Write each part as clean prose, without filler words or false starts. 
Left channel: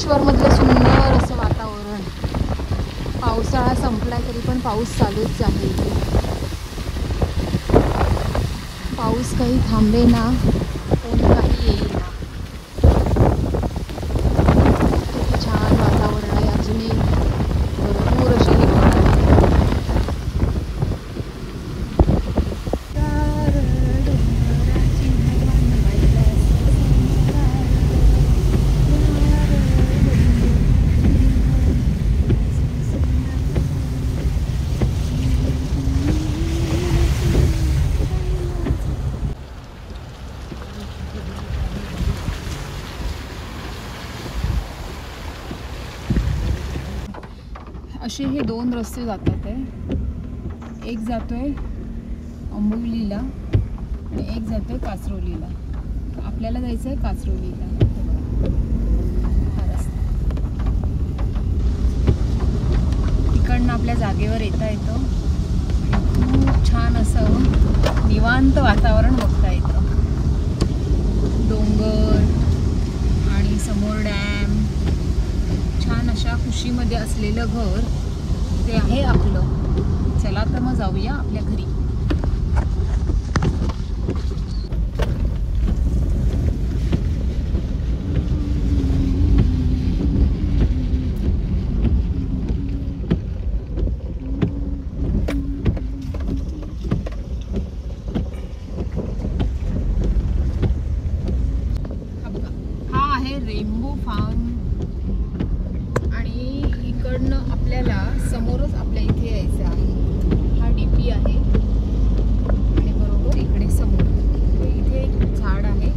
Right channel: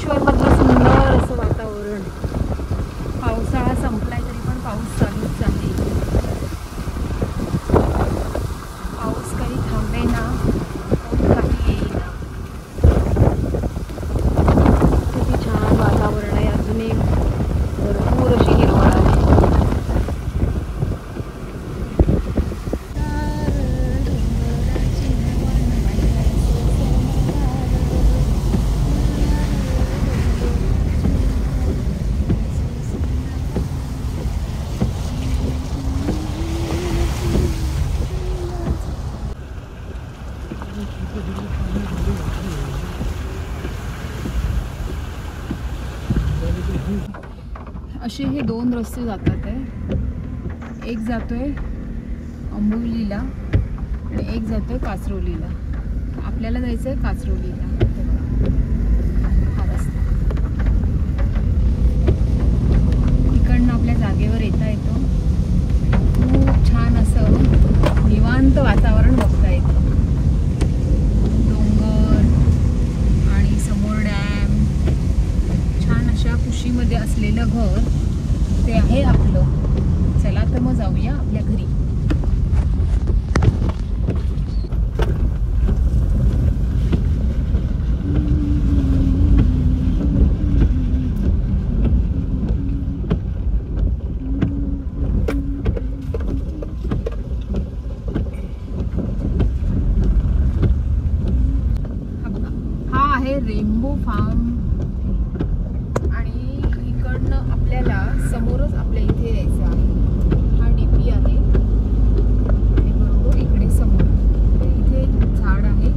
महाबळेश्वरमधलं सुंदर असं वातावरण. पावसाळा संपलाय तरी पण पाऊस चालूच आहे. पाऊस काही थांबेना, काही येईना. किती छान वातावरण आहे. अजून एक भरपूर अशी हिरवळ आहे. असे हे दोन रस्ते जातात आहे. एक जातोय अंबोलीला आणि एक जातोय कासरोलीला. आपल्याला जायचं आहे कासरोलीला. हा रस्ता इकडनं आपल्या जागेवर येता येतो. खूप छान असं निवांत वातावरण बघता येतं. डोंगर आणि समोर डॅम. छान अशा कुशीमध्ये असलेलं घर ते आहे आपलं. चला तर मग जाऊया आपल्या घरी. हा बघा, हा आहे रेनबो फार्म. आपल्याला समोरच आपल्या इथे यायचं आहे. हा डीपी आहे आणि बरोबर इकडे समोर इथे एक झाड आहे.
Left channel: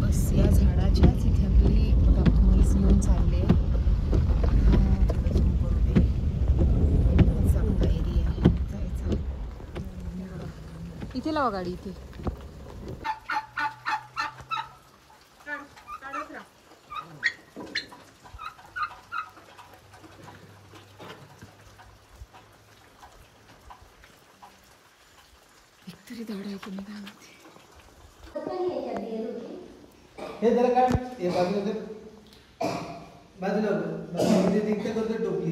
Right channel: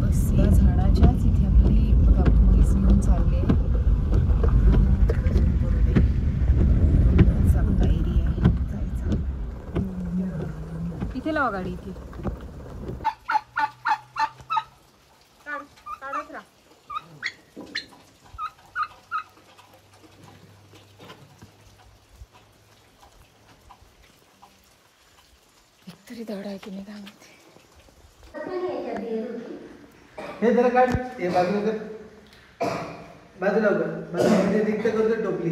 बस या झाडाच्याच इथे आपली म्हैस घेऊन चालले. चांगला एरिया आहे जायचा. इथे लावा गाडी. इथे तरी धड आहे की नाही काय माहिती. हे त्याला काय हे बाजूला कर, बाजूला करतो टोपली.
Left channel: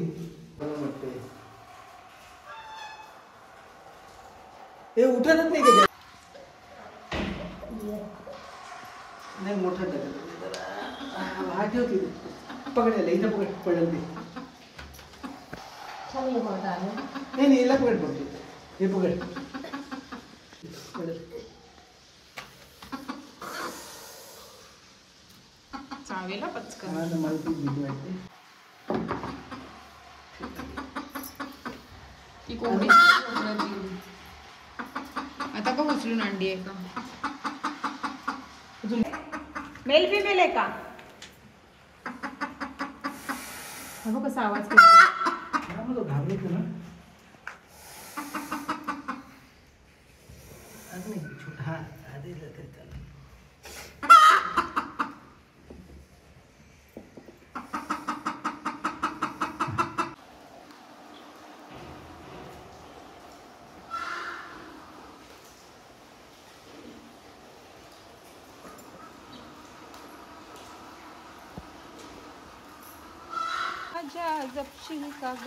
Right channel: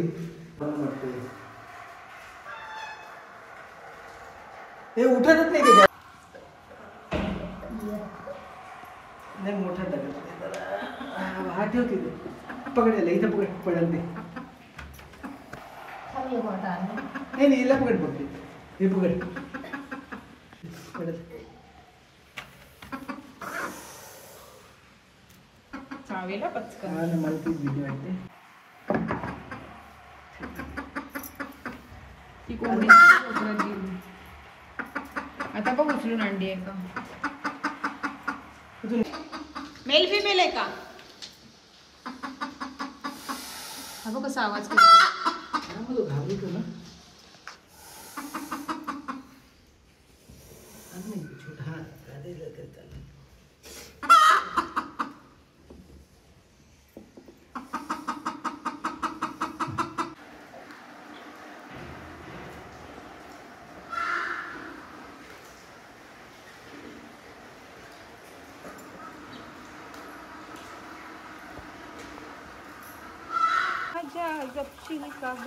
हे उठतच नाही का नाही मोठा टाकत. हा ठेव की पकडायला इथं पकड पडेल ते. नाही हिला पकड पडते. हे पकड चावेला पचकन. मला तीच भीती वाटते. ती कोंबडी आता बघ उचलून अंडी आहे का. मेल फिमेल आहे का. हा बघ कसा आवाज करतो. घाबरतो ना. छोटा जपशील का ग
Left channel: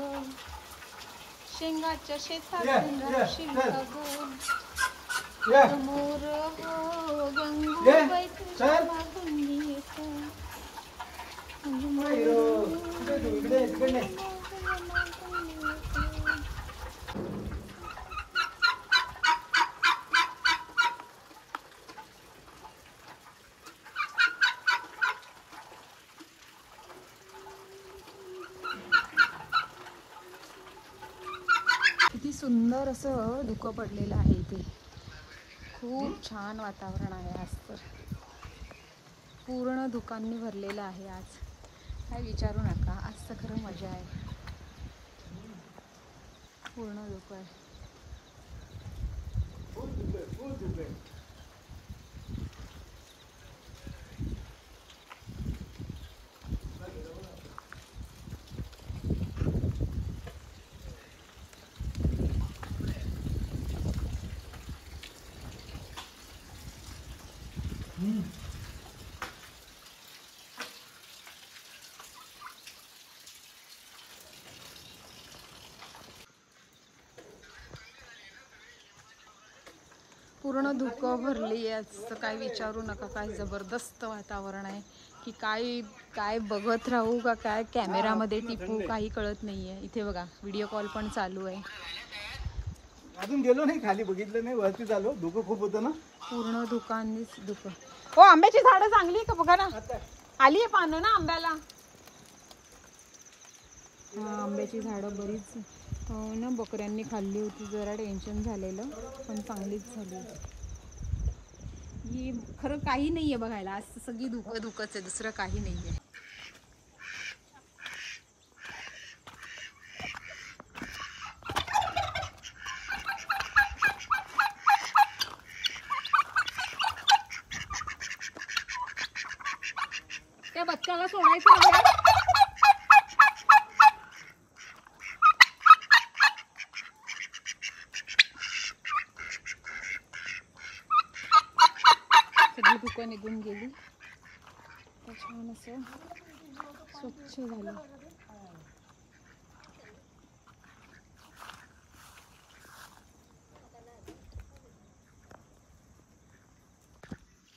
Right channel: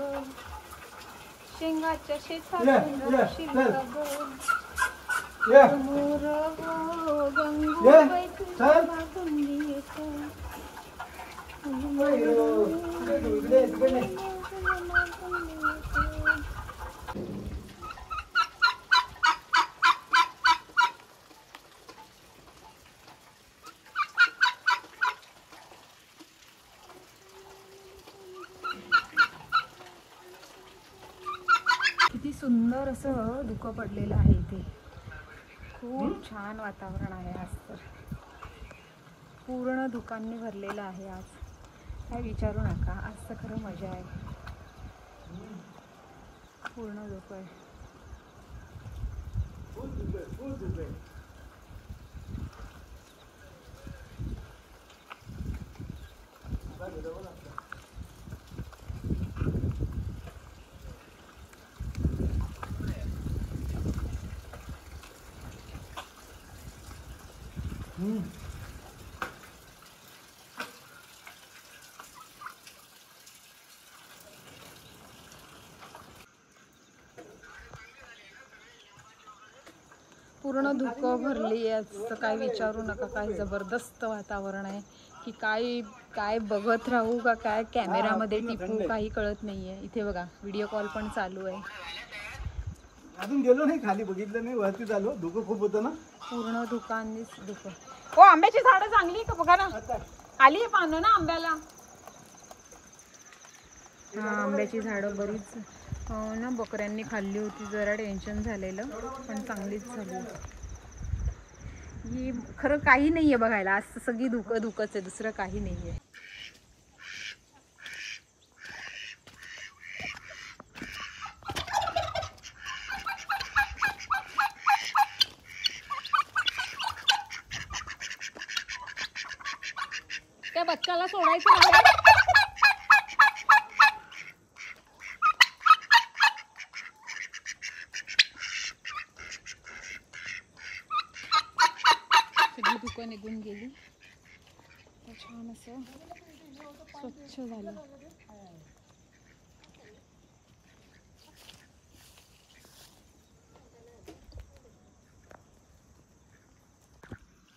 शेंगाच्या शेतातून जपशील का ग मोर गंगूबाई तुझ्या मागून येतो. किती सुंदर असं धुकं पडलेलं आहे इथे. खूप छान वातावरण आहे आज तर. पूर्ण धुकांनी भरलेलं आहे आज. काय विचारू नका. आज तर खरं मजा आहे. पूर्ण धुकं आहे. पूर्ण धुकं भरली आहे, असं काय विचारू नका. काय जबरदस्त वातावरण आहे की काय काय बघत राहू का काय कॅमेरामध्ये टिपू काही कळत नाहीये. इथे बघा व्हिडिओ कॉल पण चालू आहे. अजून गेलो नाही खाली, बघितलं नाही, वरती झालो, धुकं खूप होतं ना. पूर्ण धुकांनीच धुकं. हो आंब्याची झाडं चांगली का बघा ना, आली आहे पानं ना आंब्याला. हा आंब्याची झाडं बरीच ना बकऱ्यांनी खाल्ली होती, जरा टेन्शन झालेलं पण चांगलीच झाली. ही खरं काही नाहीये बघायला, आज सगळी धुकं धुकंच आहे, दुसरं काही नाहीये. त्या बच्चाला सोडायचं नाही. सगळी धुकं निघून गेली, छान असं स्वच्छ झालं.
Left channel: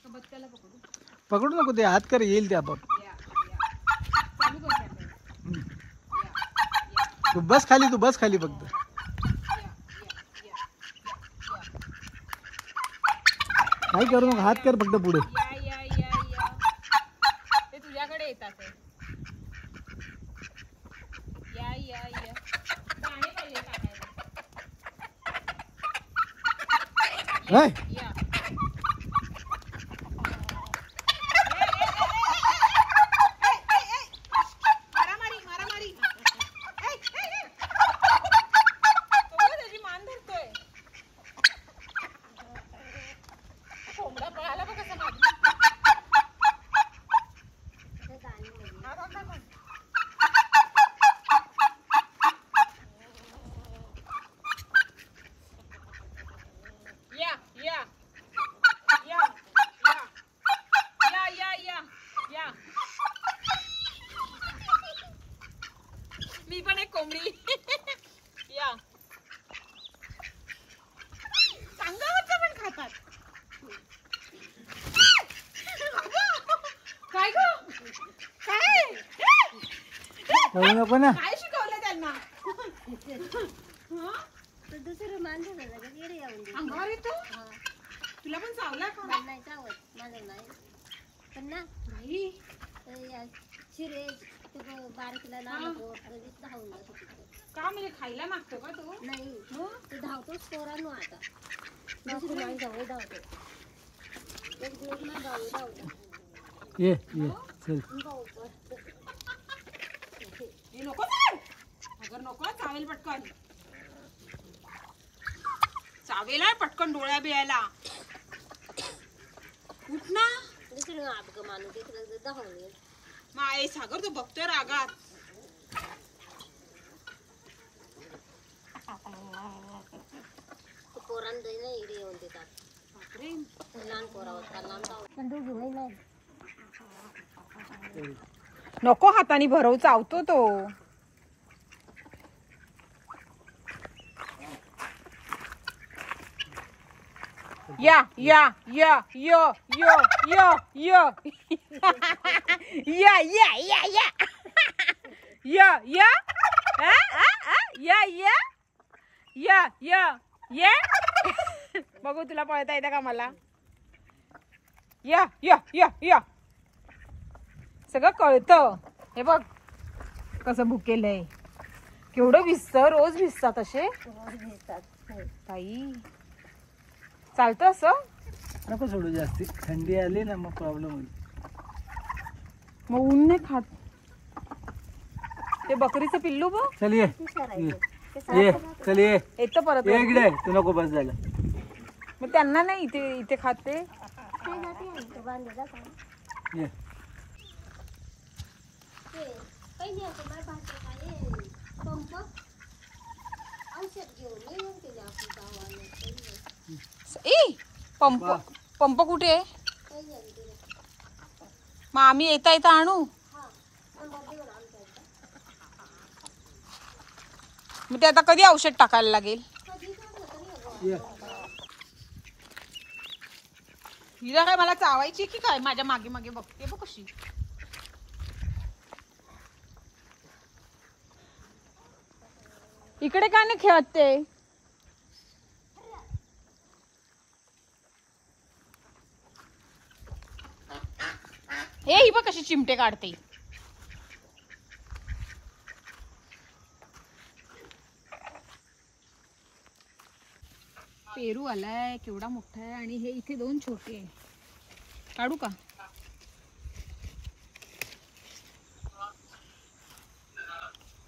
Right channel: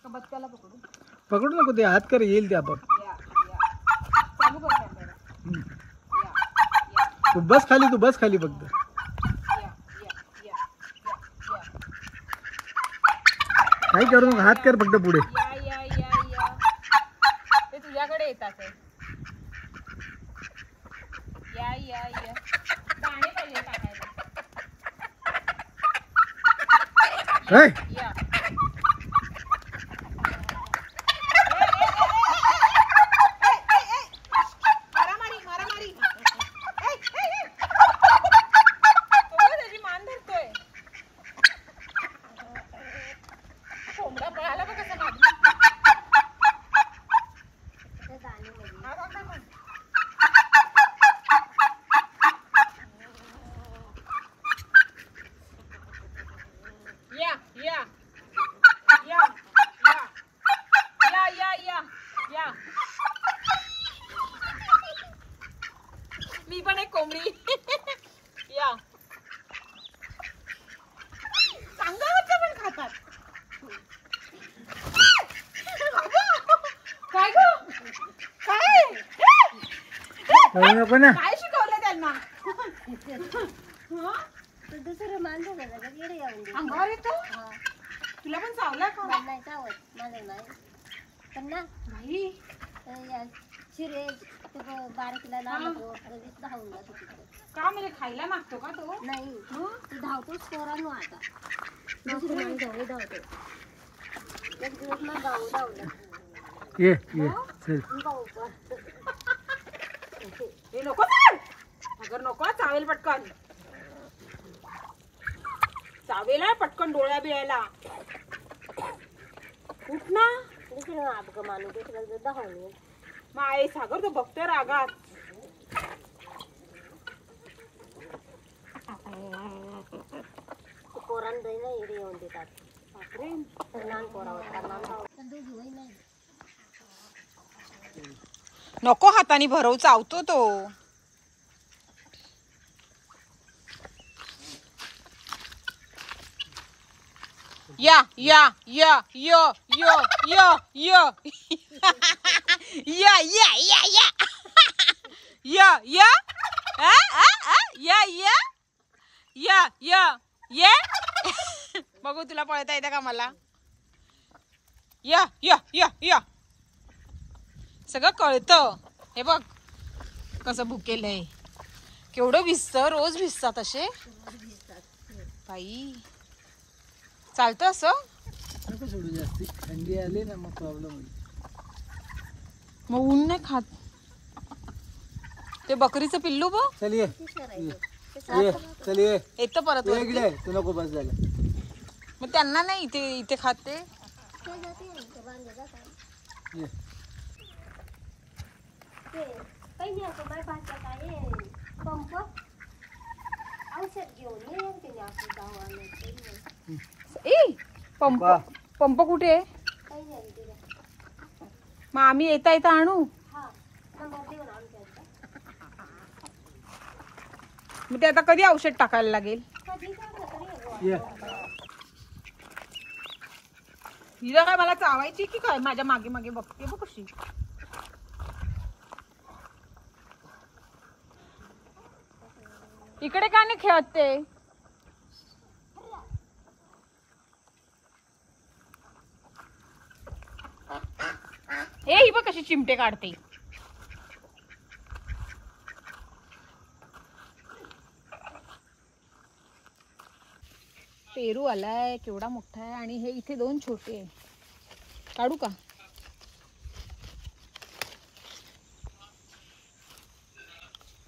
बच्चाला पकडू पकडू नको, ते हात कर, येईल ते आपण. चालू कर कॅमेरा. तू बस खाली, तू बस खाली फक्त. काही करू नको, हात कर फक्त पुढे. ते तुझ्याकडे येतात. या या या दाणे पाहिजे टाकायला. या मी पण एक कोंबडी. या अंगावरचं पण खातात. काय ग काय करू नको ना. काय शिकवलं त्यांना. दुसरं माणसं अंगावर येतो. तुला पण चावला का. नाही चावत माझं नाही, पण ना शिरे बारकीला लागतो धावून जातो. का म्हणजे खायला मागतो का तो. नाही तू धावतोच पोरांनो. आता दुसरी माणसं धावतो. एक दिवस ना गाऊ धावलं. ये ये चल. हे नको अगर नको, चावेल पटकन. चावेला पटकन डोळ्या बिळायला. उठ ना. दुसरं आपलं माणूस दुसरं धावून येईल. माय सागर तो बघतोय रागात. पोरांना ना इडे येऊन देतात. बापरे. लहान पोरावर पण दोघी वय नाही. नको हाताने भरव, चावतो तो. या या या यो यो यो यो या या या या या या या या या या ये. बघू तुला पळता येतं का मला. या या या या सगळं कळतं. हे बघ कसं भुकेलंय. केवढं भिजतं, रोज भिजतात असे बाई. चालतं असं. नको सोडू जास्ती, थंडी आली ना मग प्रॉब्लेम होईल. मग ऊन नाही खात. ते बकरीचं पिल्लू बघ. चल ये ये चल ये येतं परत ये वरती. इकडे. तू नको बस झालं. मग त्यांना नाही इथे इथे खाते. ये काही नाही असं बाय भाषा काय पंप औषध घेऊन येऊन तिने आपली गावाला. ए पंप वा. पंप कुठे आहे. काही नाही तिला. मग आम्ही येता येता आणू. हा सांगा देऊन आमच्या मग ते आता कधी औषध टाकायला लागेल. कधी काय तरी ये हिला काय मला चावायची की काय? माझ्या मागे मागे बघते बघ कशी. इकडे का नाही खेळते? ही बघ कशी चिमटे काढते. पेरू आलाय केवढा मोठा आहे आणि हे इथे 2 छोटे आहे. काढू का?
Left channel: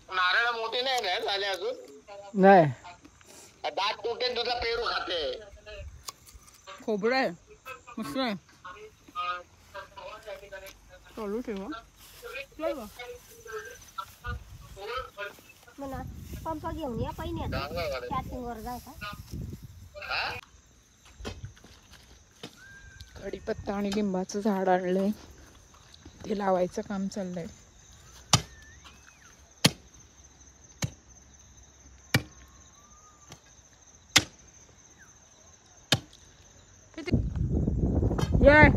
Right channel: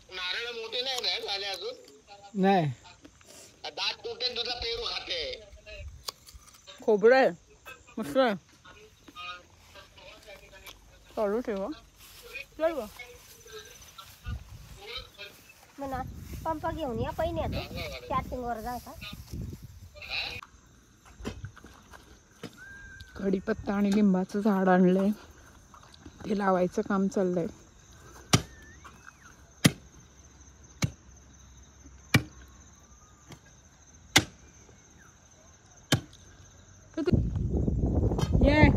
नारळ मोठे नाही ना झाले अजून. नाही दात तुटे तुझा पेरू खाते. खोबरं आहे मस्त आहे. चालू ठेवा. म्हणा पंपा घेऊन या पहिल्यात चार्जिंग वर जायचा. कढीपत्ता आणि लिंबाचं झाड आणलंय. ते लावायचं काम चाललंय. ये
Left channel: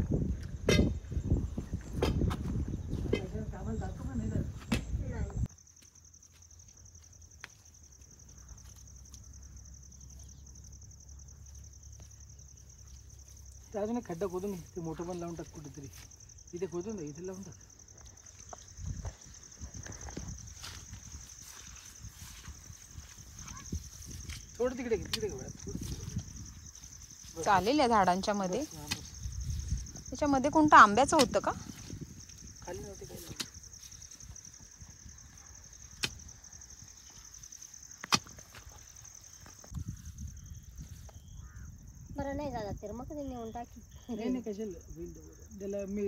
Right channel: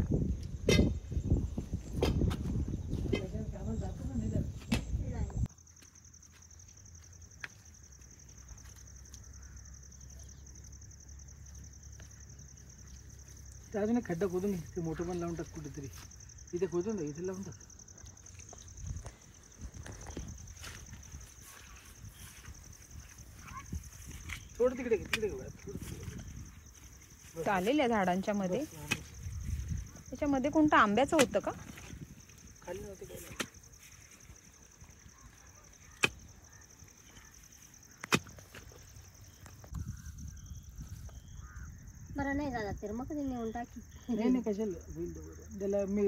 त्याने खड्डा खोदून घे. ते मोठं पण लावून टाक कुठेतरी. इथे खोदून टाक. इथे लावून टाक. थोडं तिकडे घे. तिकडे घे. चालेल या झाडांच्या मध्ये. त्याच्यामध्ये कोणतं आंब्याचं होतं का? खाली नव्हते काय. बरं नाही झाला तर मग कधी नेऊन टाकी. नाही कशाला होईल त्याला मी